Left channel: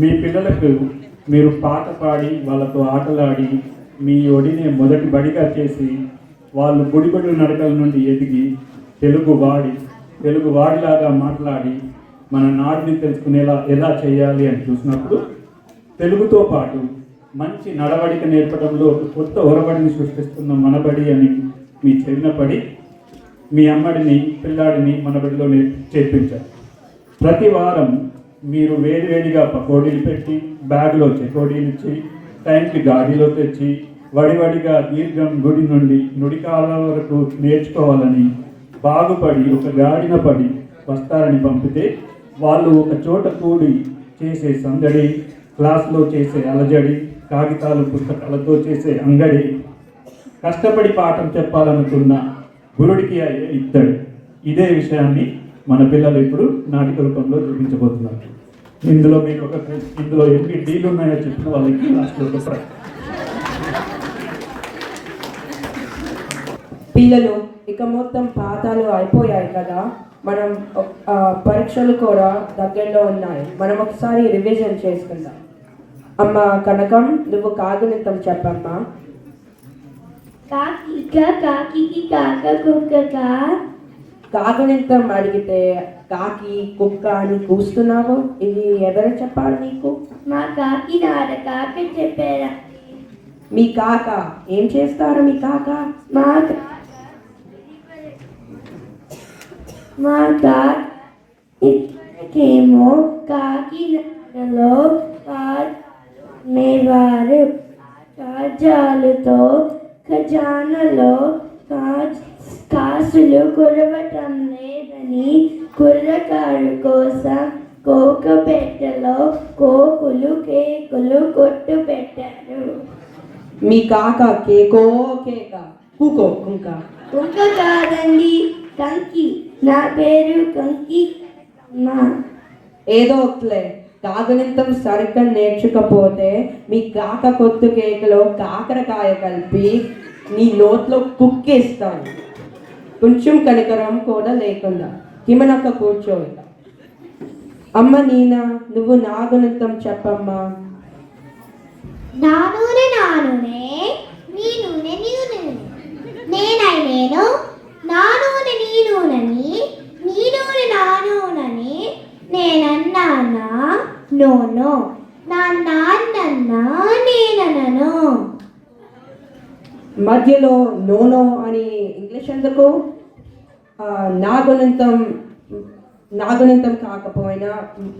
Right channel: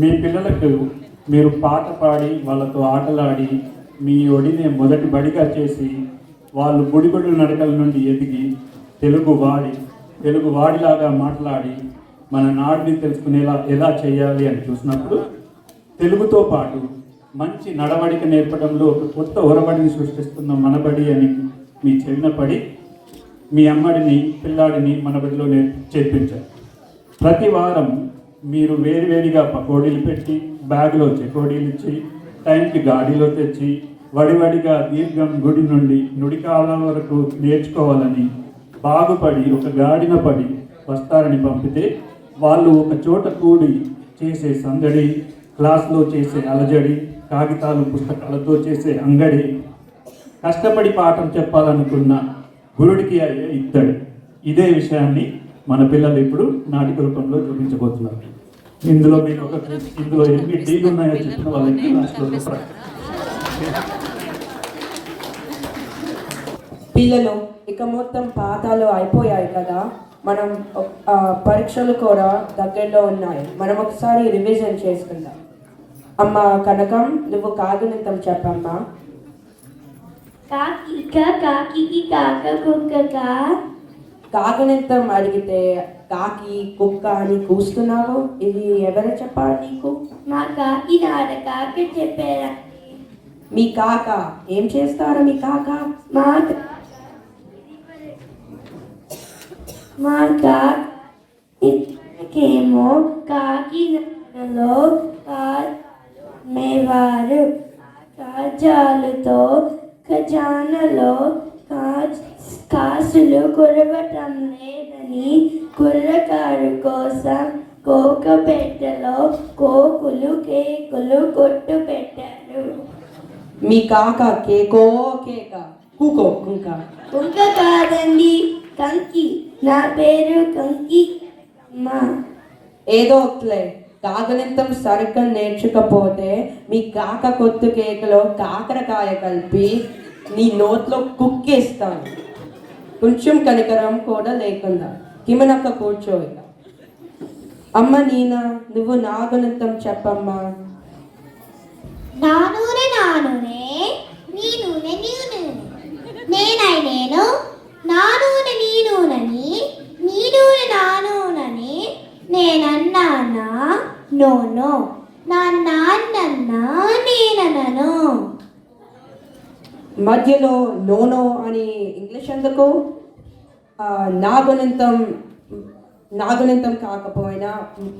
మీ పిల్లలకు మీరు పాట పాడి వాళ్ళతో ఆటలాడి మీ ఒడిని మొదటి బడిగా చేసి వాళ్ళు బుడిబడి నడకల నుండి ఎదిగి తెలుగువాడిలాగా మాట్లాడి మన నాడుని తెలుసుకునేలా ఎలా చేయాలి అని చూసినప్పుడు తెలుగుతో పాటు మంచి నడవడిక నేర్పడంలో ఒక కొత్త ఒరబడిని సృష్టిస్తున్న మనబడి అని మీ చిన్నపడి మీ అమ్మడిని పిల్లాడిని మనబడిలో చేర్పించారు. ప్రతి వారం మీరు వేడివేడిగా పకోడీలు పెట్టి బ్యాగ్లో చెకోడీలు ఇచ్చి టైంకి గాడిలో తెచ్చి వడివడిగా దీర్ఘం గుడి నుండి నుడికాల వరకు నేర్చుకోవాలని బాగుపడి ఒక గాడిన పడి వస్తారని పంపితే వాళ్ళు ఒక చోట కూడి చేసే సందడి, క్లాస్లో చేసే అలజడి, కాగితాలు పుస్తకాలతో చేసే అంగడి, కష్టపడి పాఠం చెప్పాలనుకున్న గురుడికి అయ్యే ఇద్దడు. ఇదే విషయాన్ని మన పిల్లలు ఇప్పుడు నాటిక రూపంలో చూపించబోతున్నారు. ఇందులో ఎన్ని డీలు ఉన్నాయో చెప్పిన వాళ్ళకి లాస్ట్లో పిల్లలు ఇక మొత్తం పాఠాలు అయిపోయాయి కదా, మనం పరీక్షలు కూడా దగ్గరలో ఉన్నాయి. మనం ఒకసారి రివిజన్ చేసుకుందాం. అమ్మ కనకం, నువ్వు కాగితం చెప్పమ్మా. కాగితం అడిగితే కాకి కుక్క అని కూస్తున్నావు. ఇది ఎవరు చెప్పారు నీకు? మా కాకి కాక చెప్పారా. మీ కాక ఏం చేస్తారు? మీ కాక మా కాకేమో కాకినాడలో మేవారు కాజాలతో ఖజానాలో కాసులు కురవటం లేదని కుర్రకారు కోసం కోకపెట్టెలో కోకులు కేకులు కొట్టు పెట్టారు. మీ కాక కేకో కేక కుకో కుంక కుంక కాదండి, కంకి. నా పేరు కంకి. ఏదో ఒకలే, కాగనితం సరిగ్గా నేర్చుకపోతే మీ కాక కొత్త కేకలో కాకరకాయ కలిపి నీ నోట్లో కుక్కేస్తాను. కొంచెం కనికరం కూడా లేకుండా హిమనక్క కూర్చో. అమ్మ నీనా, నువ్వు నాగునితం చెప్పమ్మా. నా నూనె నా నూనె, నీ నూనె నీ నూనె, నేనై నేను, నా నూనె నీ నూనెని, నీ నూనె నా నూనెని, నేనన్నానా నోనో, నా నాన్నన్నా నేననను. మధ్యలో నోనో అని ఇంగ్లీష్ ఎందుకు? నాగునితం కాకపోయినా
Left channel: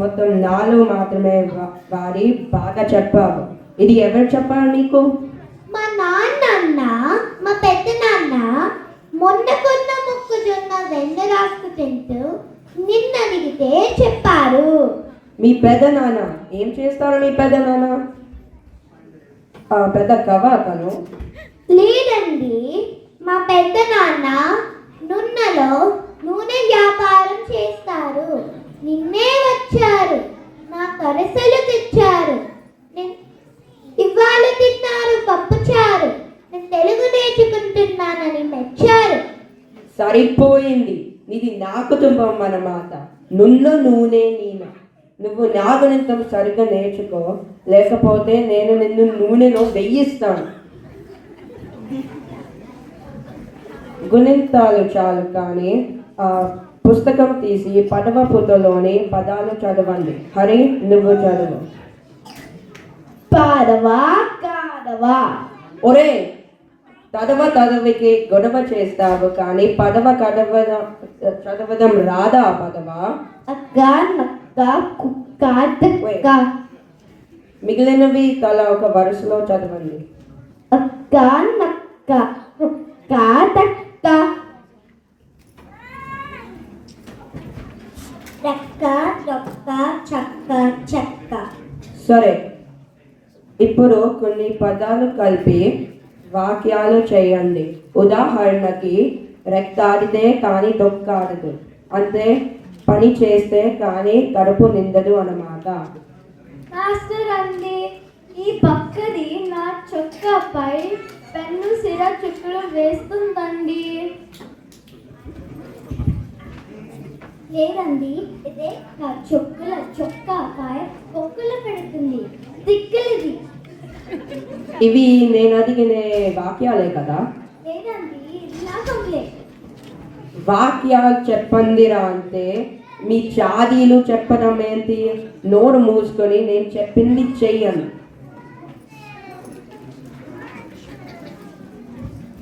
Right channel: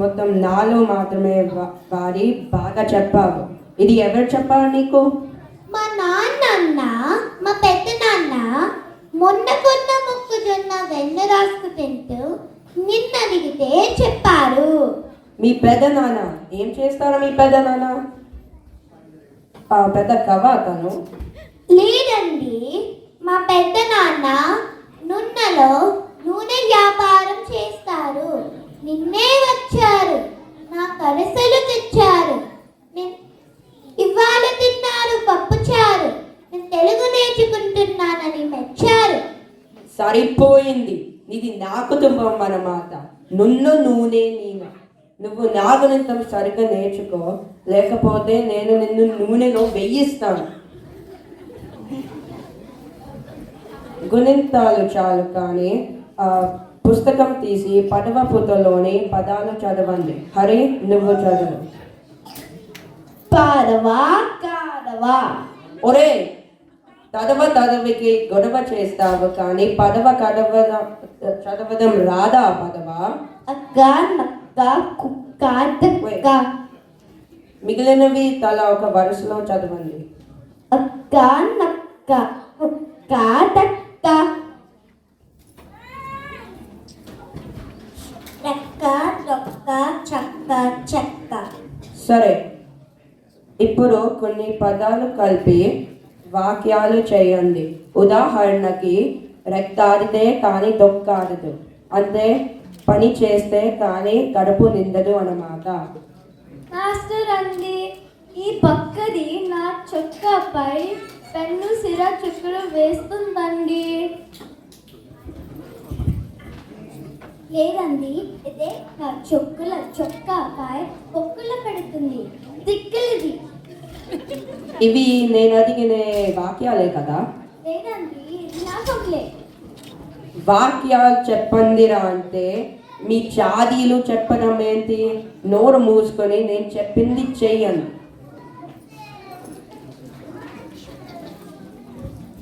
మొత్తం నాలో మాత్రమే వాడి బాగా చెప్పావు. ఇది ఎవరు చెప్పారు నీకు? మా నాన్న, మా పెద్ద నాన్న మొన్న కొన్న మొక్కజొన్న వెన్న రాసుకు తింటూ నిన్న అడిగితే చెప్పారు. మీ పెద్ద నాన్న ఏం చేస్తారో? మీ పెద్ద నాన్న పెద్ద కవా తను? లేదండి, మా పెద్ద నాన్న నున్నలో నూనె వ్యాపారం చేస్తారు. నిన్నే వచ్చారు, నా కరసలు తెచ్చారు. ఇవాళ తిన్నారు పప్పుచారు. నేను తెలుగు నేర్చుకుంటున్నానని మెచ్చారు. సరిపోయింది, ఇది నా కుటుంబం అన్నమాట. నున్ను నూనె నీను. నువ్వు నాగునితం సరిగ్గా నేర్చుకో, లేకపోతే నేను నిన్ను నూనెలో వెయ్యిస్తాను. గుణింతాలు చాలు కానీ పుస్తకం తీసి పదవ పుటలోని పదాలు చదవండి. హరి, నువ్వు చదువు. పాడవా కాడవా. ఒరే, తదవికి గొడవ చేస్తావు కానీ పదవ చదవడం రాదా? పదవా అక్క నక్క కుక్క తక్క. మిగిలినవి తల ఒక వరుసలో చదవండి. అక్క నక్క కుక్క తక్క. రెక్క డొక్క చక్క చెక్క. సరే, ఇప్పుడు కొన్ని పదాలు కలిపి వాక్యాలు చేయండి. ఉదాహరణకి, రెక్తాడితే కానీ డొక్కాడదు, అంతే. పని చేస్తే కానీ కడుపు నిండదు అన్నమాట. మాస్టర్ అండి, ఈ పక్కది నా చొక్కాపై పెన్ను సిర చుక్కలు వేస్తుందండి. లేదండి, ఇదే నా చొక్కుల చొక్కాపై పొక్కులు పెడుతుంది. దిక్కులిది. ఇవి నేను అడిగిన వాక్యాలే కదా. లేదండి, ఇది నా కవులే. వాక్యాలు చెప్పండిరా అంటే మీ చాదీలు చెప్పడం ఏంటి? నోరు మూసుకొని నేను చెప్పింది చెయ్యను.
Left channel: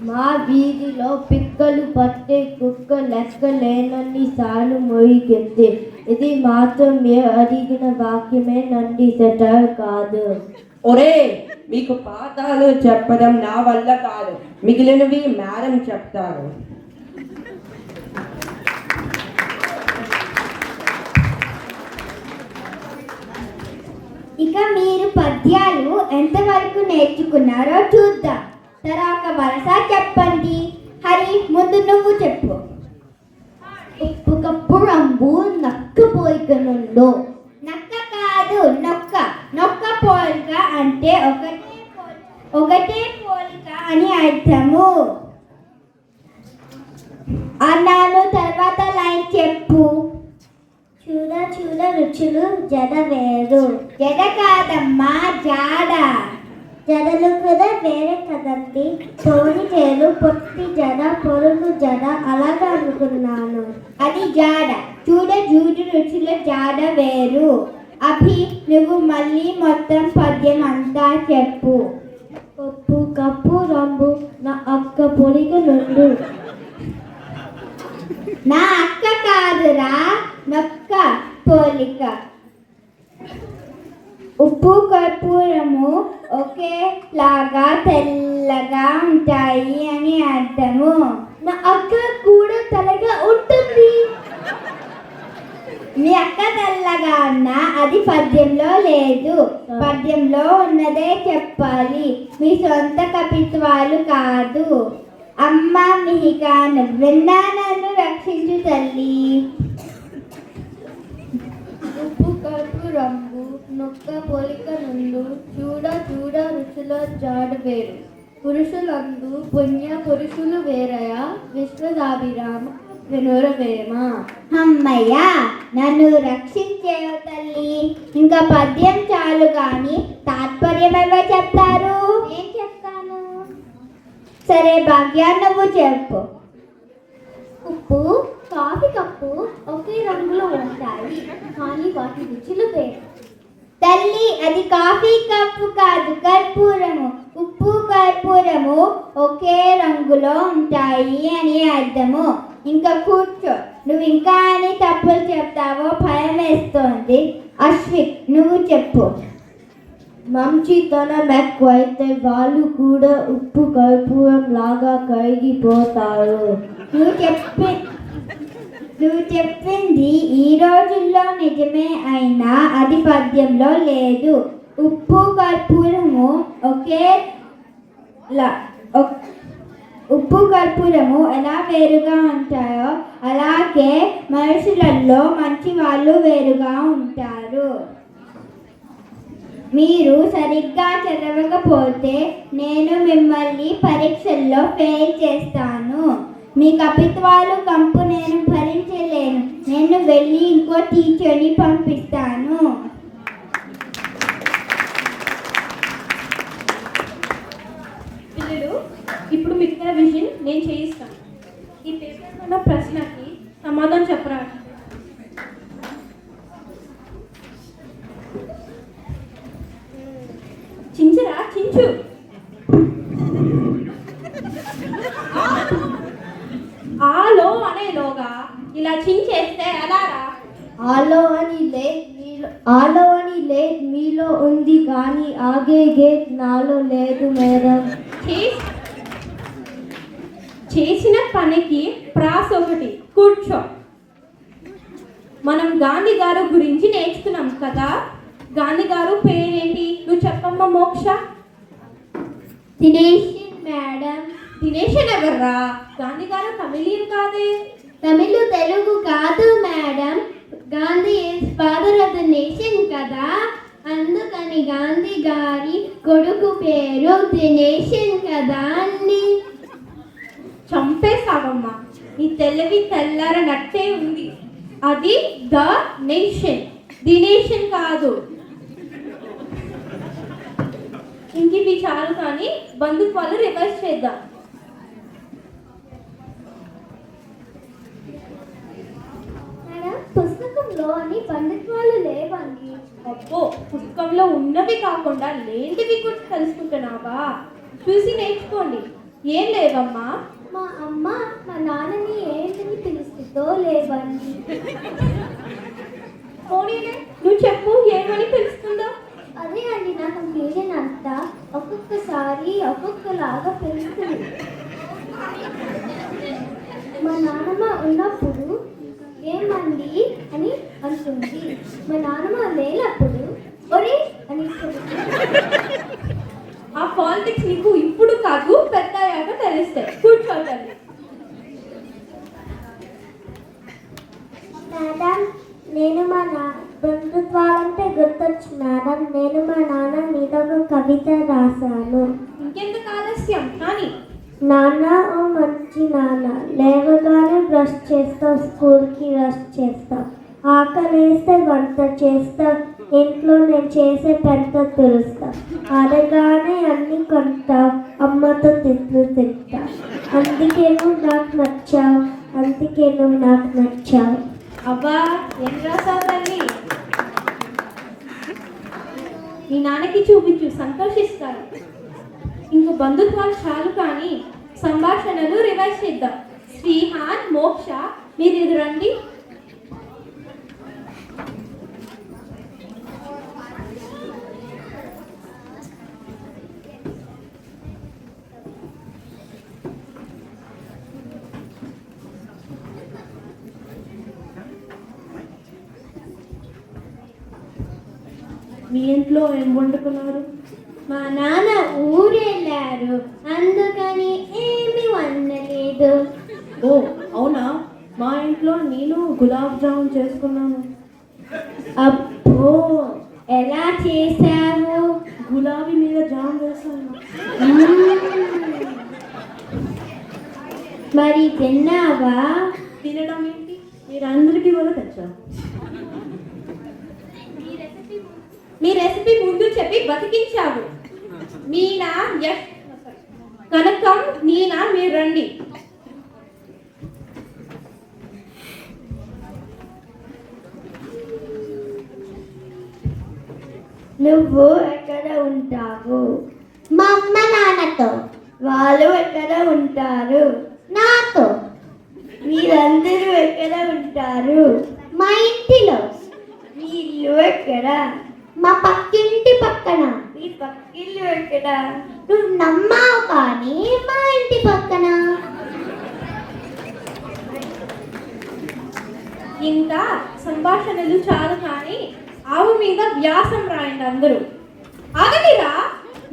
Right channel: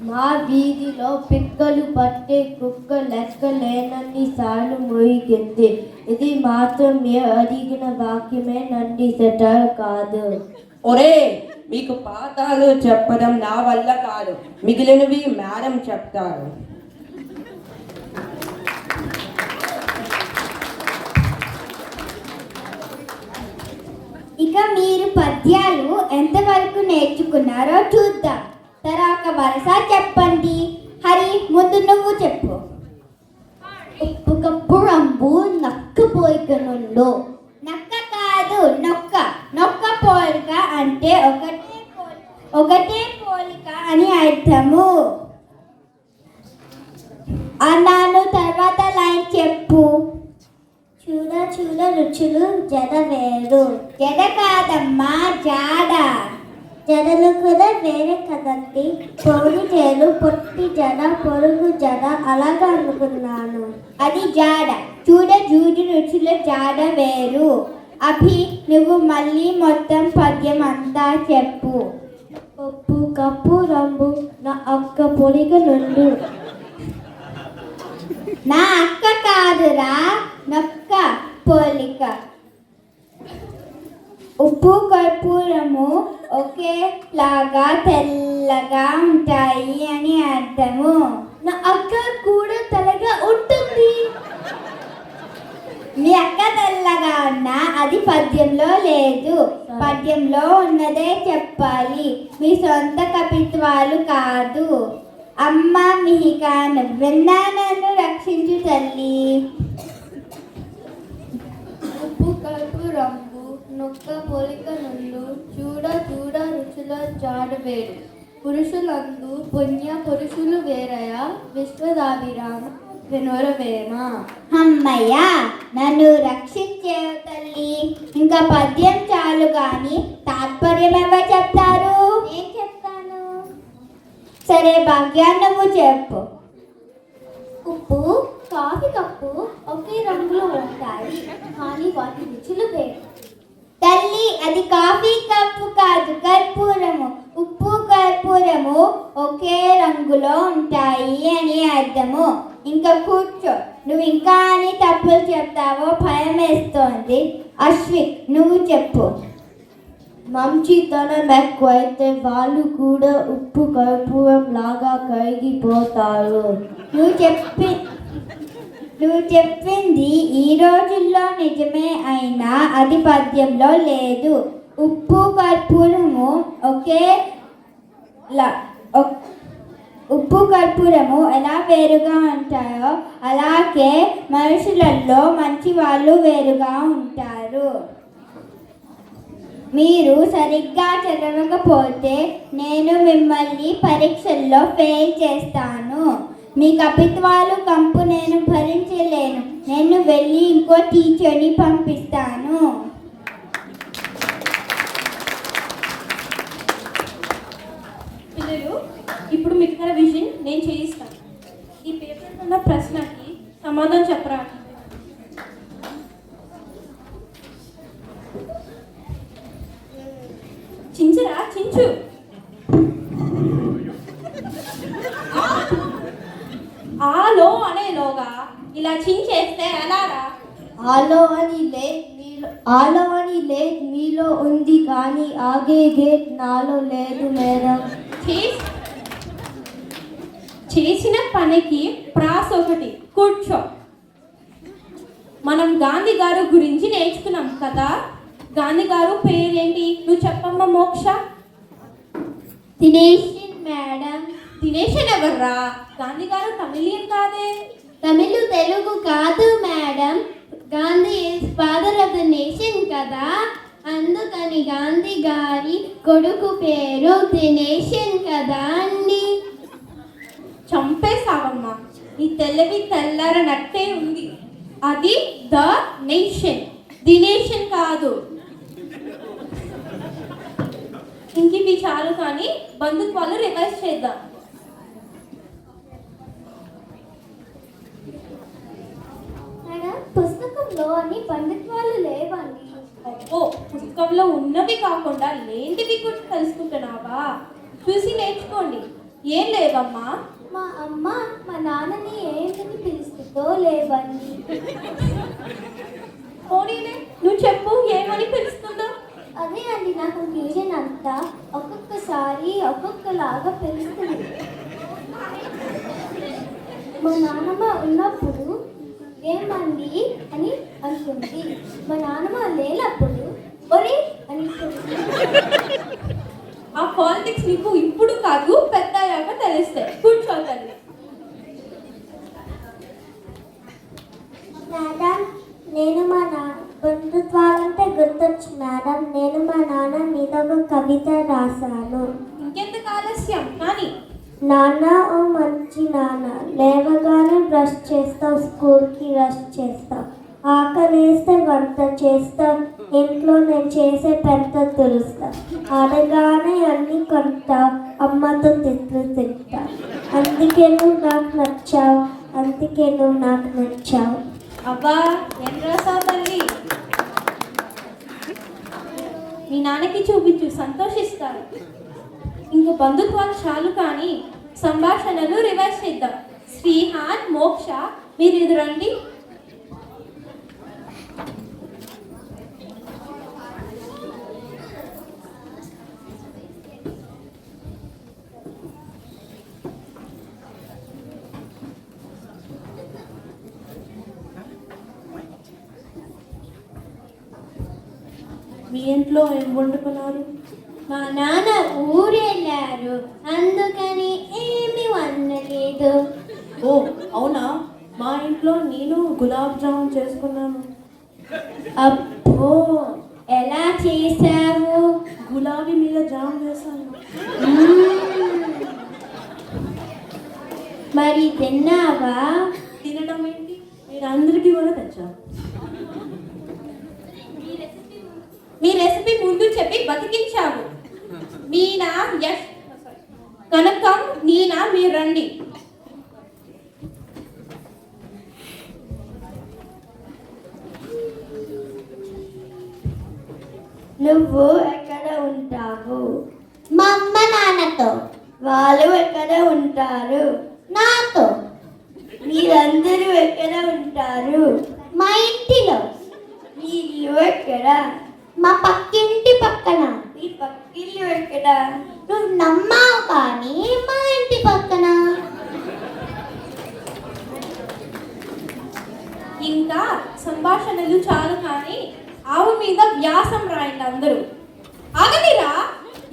మా వీధిలో పిక్కలు పట్టే కుక్క లెక్క లేనన్ని సార్లు మోయికింది. ఇది మాత్రం మీరు అడిగిన వాక్యమే నండి, సెటర్ కాదు. ఒరే, మీకు పాఠాలు చెప్పడం నా వల్ల కాదు, మిగిలినవి మేడం చెప్తారు. ఇక మీరు పద్యాలు ఎంతవరకు నేర్చుకున్నారో చూద్దాం. తర్వాత వరస చెప్పండి. హరి, ముందు నువ్వు చెప్పు. ఉప్పు కప్పు రంబు నక్క పోయికనుండు. నక్క కాదు, నొక్క. నొక్క పోలిక అంటే ఒకటే పోలిక అని అర్థము అన్నాను. తర్వాత లైన్ చెప్పు. చూడ చూడ రుచులు జడ వేరు. జడ కాదమ్మా, జాడ. జడలు కూడా వేరే కదండి. పొడి జడలు, పొట్టి జడ, పొరుగు జడ, అలాగా అనుకున్నాను. అది జాడ. చూడ జూడు రుచుల జాడ వేరు. అభి, నువ్వు మళ్ళీ మొత్తం పద్యం అంతా చెప్పు. ఉప్పు కప్పు రంబు నా అక్క పొడిగ నుండు. నా అక్క కాదురా, నొక్క పోలిక. ఉప్పు కర్పూరము ఒకేలాగా తెల్లగా ఉంటాయి అని అర్థము. నా అక్క కూడా తెల్లగా ఉంటుంది. మీ అక్క తెల్లగా ఉన్నా అది పద్యంలో లేదు. పద్యంలో ఉన్నదే చెప్పాలి, మీ సొంత కవిత్వాలు కాదు. అమ్మ మిహిక, నువ్వెన్నా నన్ను రక్షించు తల్లి. ఉప్పు కప్పు రంబు నొక్క పోలిక నుండు. చూడ చూడ రుచుల జాడ వేరు. పురుషులందు పుణ్య పురుషులు వేరయ. విశ్వదాభిరామ వినురవేమ. అమ్మయ్య, నన్ను రక్షించేవు తల్లి. ఇంకా పద్యం చాలు గాని తాత్పర్యం ఎవరు చెప్తారు? నేను చెప్తాను. సరే భాగ్య, నువ్వు చెప్పు. ఉప్పు కాఫీ కప్పు ఒకే రంగులో ఉంటాయి, కానీ వాటి రుచులు వేరు. తల్లి, అది కాఫీ కప్పు కాదు, కర్పూరము. ఉప్పు కర్పూరము ఒకే రంగులో ఉంటాయి అని అర్థము. ఇంకా కూర్చో. నువ్వు ఇంకా అని తప్పులు చెప్తావో భయం వేస్తోంది. అశ్విక్, నువ్వు చెప్పు. మంచితనం ఎక్కువైతే వాళ్ళు కూడా ఉప్పు కర్పూరం లాగా కరిగిపోతారు. నువ్వు చెప్పింది ఈ రోజుల్లో నిజమే, అయినా అది పద్యంలో లేదు. ఉప్పు కర్పూరము ఉప్పు కర్పూరము ఎలా వేరుగా ఉంటాయో అలాగే మనుషులలో మంచి వాళ్ళు వేరుగా ఉంటారు. మీరు సరిగ్గా చదవకపోతే నేను మిమ్మల్ని పరీక్షల్లో ఫెయిల్ చేస్తాను. మీ కవిత్వాలు కంపు నేను భరించలేను. నేను వెళ్ళి ఇంకో టీచర్ని పంపిస్తాను. పిల్లలు, ఇప్పుడు మిగతా విషయం నేను చేయిస్తాను. ఈ పేపర్ ఉన్న ప్రశ్నకి సమాధానం చెప్పరా. చించరా, చించు. ఆలో అనేలోగా ఇలా చించేస్తే ఎలారా? ఆలో అని లేదు మీలో ఉంది, కానీ ఆగే గేట్ నాలో లేదు మేడం. చేసిన పనికి ప్రాస ఒకటి. కూర్చో. మనం గాంధీ గారు గురించి నేర్చుకున్నాం కదా. గాంధీ గారు పేరేంటి? నువ్వు చెప్పమ్మా మోక్ష. దినేషన్ మేడం. దినేషన్ ఎవర్రా? గాంధీ గారు తమిళియన్ కాదే. తమిళ తెలుగు కాదు madam. Gandhi is father of the nation కదా, అందుకని గాంధీ గారి కొడుకు పేరు దినేషన్ కదా అండి. చంపేశావమ్మా. నీ తెలివి తెల్లారనట్టే ఉంది. అది ద నేషన్, ది నేషన్ కాదు. ఇంక ఇవి చాలు కానీ బంధుత్వాలు రివైజ్ చేద్దాం. మేడం, పుస్తకంలో అన్ని బంధుత్వాలు లేవండి. అబ్బో, పుస్తకంలో ఉన్నవి కాకుండా లేనివి కూడా తెలుసుకుంటున్నావా? చూసి నేర్చుకోండి. ఏం లేవమ్మా? మా అమ్మ మా నాన్నని ఏంటని పిలుస్తుందో లేవండి. పోనీలే, నువ్వు చెప్పు, ఏమని పిలుస్తుందో. అదే అండి నా కన్ఫ్యూజన్ అంతా. ఒక్కొక్కసారి ఒక్కొక్కలాగా పిలుస్తుంది. మా నాన్నమ్మ ఉన్నప్పుడు ఏమండి అని అంటుంది. మా నాన్నమ్మ లేనప్పుడు ఒరే అని ఆ పాలిటిక్స్ నీకు ఇప్పుడు కాదు, పెద్దయ్యాక తెలుస్తాయి. కూర్చోగలరు. మేడం, నేను మా బంధుత్వాలంటే గుర్తొచ్చు మేడం. నేను మా నాన్న మీద ఒక కవిత రాశాను. ఇంకెందుకు ఆలస్యం కానీ. నాన్న ఓ మంచి నాన్న, లేవగానే బ్రష్ చేస్తా, స్కూల్కి రష్ చేస్తా, ఆకలి వేస్తే వంట చేస్తా, ఇంట్లో నేను చేసే పెద్ద తులుస్తా, అడగానే అన్ని కొంటా, అమ్మతో తిట్లు తింటా, అందుకే నువ్వు నాకు నచ్చావు, అందుకే నువ్వు నాకు నచ్చావు. అబ్బా, ఏం రాసావు తల్లి? మీ నాన్నకి చూపించు, సంతోషిస్తారు. ఇంక బంధుత్వాలు చాలు కానీ సంభాషణలు రివైజ్ చేద్దాం. శ్రీహాన్, మోక్ష, మీరు ఇది రండి. మీ ఇంట్లో ఏం వండుకున్నారు? మా నాన్న ఊరెళ్ళారు, అందుకని ఏమి వండలేదు. ఓ అవునా, మా ఇంట్లో నేను గులాబ్ జామున్ చేసుకున్నాను. అబ్బో, ఎలా చేశావు? గులాబీ మీద జామ్ వేసాను. మరి తిన్నావా? తినడం ఏంటి, మీరందరికీ కూడా తెచ్చా. మీ రెసిపీ ముందు చెప్పి బతికించావు. మీనా, యష్, కనకం, నీనా, మీరు రండి. నువ్వు ఎక్కడ ఉంటావు? మా అమ్మ నాన్నతో. వాళ్ళు ఎక్కడ ఉంటారు? నాతో. మీరందరూ ఎక్కడ ఉంటారు? మా ఇంటిలో. మీ ఇల్లు ఎక్కడ? మా పక్కింటి పక్కన. మీ పక్కిల్లు ఎక్కడ? నువ్వు నమ్మావు కానీ మా ఇంటి పక్కన. ఇంకా సంభాషణలు చాలు కానీ ఆవు మీద వ్యాసం రాయండి అందరూ. ఆగలిరా,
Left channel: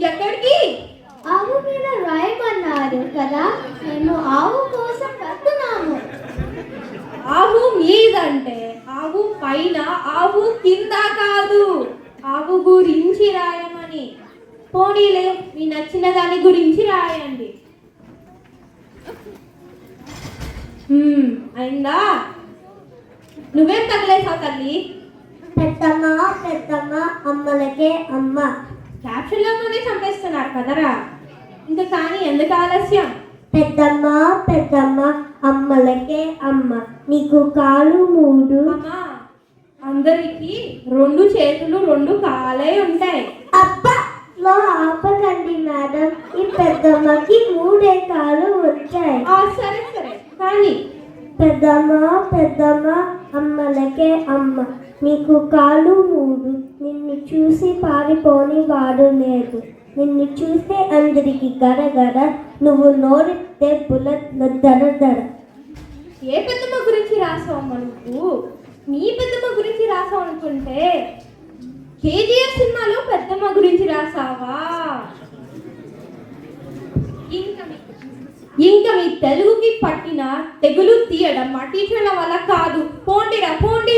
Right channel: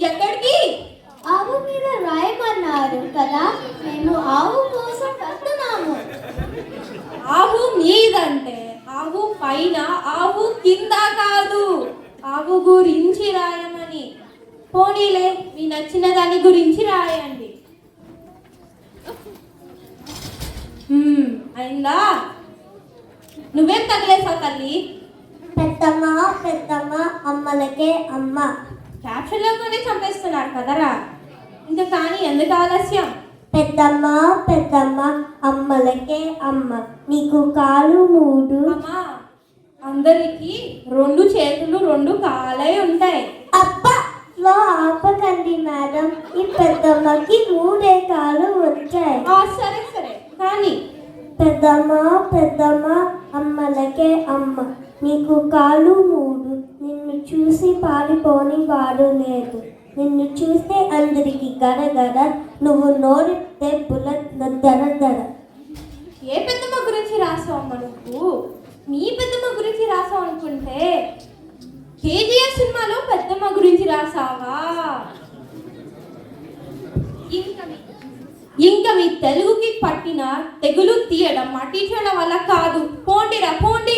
ఎక్కడికి? ఆవు మీద రాయమన్నారు కదా, మేము ఆవు కోసం కడుతున్నాము. ఆవు మీదంటే ఆవు పైన, ఆవు కింద కాదు. ఆవు గురించి రాయమని. పోనీలే, మీ నచ్చిన దాని గురించి రాయండి. అయిందా? నువ్వేం తగలేసావు తల్లి? పెద్దమ్మ పెద్దమ్మ అమ్మలకే అమ్మ. క్యాప్షన్లతోనే చంపేస్తున్నారు కదరా. ఇంకా కానీ ఎందుకు ఆలస్యం? పెద్దమ్మ పెద్దమ్మ అమ్మలకే అమ్మ, నీకు కాలు 3. అమ్మా, అందరికీ 2 చేతులు 2 కాలే ఉంటాయి. అబ్బా, లో ఆపకండి మేడం, ఈ పెద్దమ్మకి 3 కాలు వచ్చాయి. సరే సరే కానీ పెద్దమ్మ పెద్దమ్మ అమ్మలకే అమ్మ, నీకు కాలు 3. నిన్ను చూసి పారిపోని వాడు లేదు, నిన్ను చూస్తే అందరికి గడగడ, నువ్వు నోరితే బుల్లెట్ దర దర. ఏ పెద్దమ్మ గురించి రాసావమ్మా నువ్వు? నీ పెద్దమ్మ గురించి రాసావు అనుకుంటే కేజీఎఫ్ సినిమాలో పెద్దమ్మ గురించి రాసావా? ఇంకా మీ తెలుగుకి పట్టిన తెగులు తీయడం మా టీచర్ల వల్ల కాదు. పోండిరా పోండి.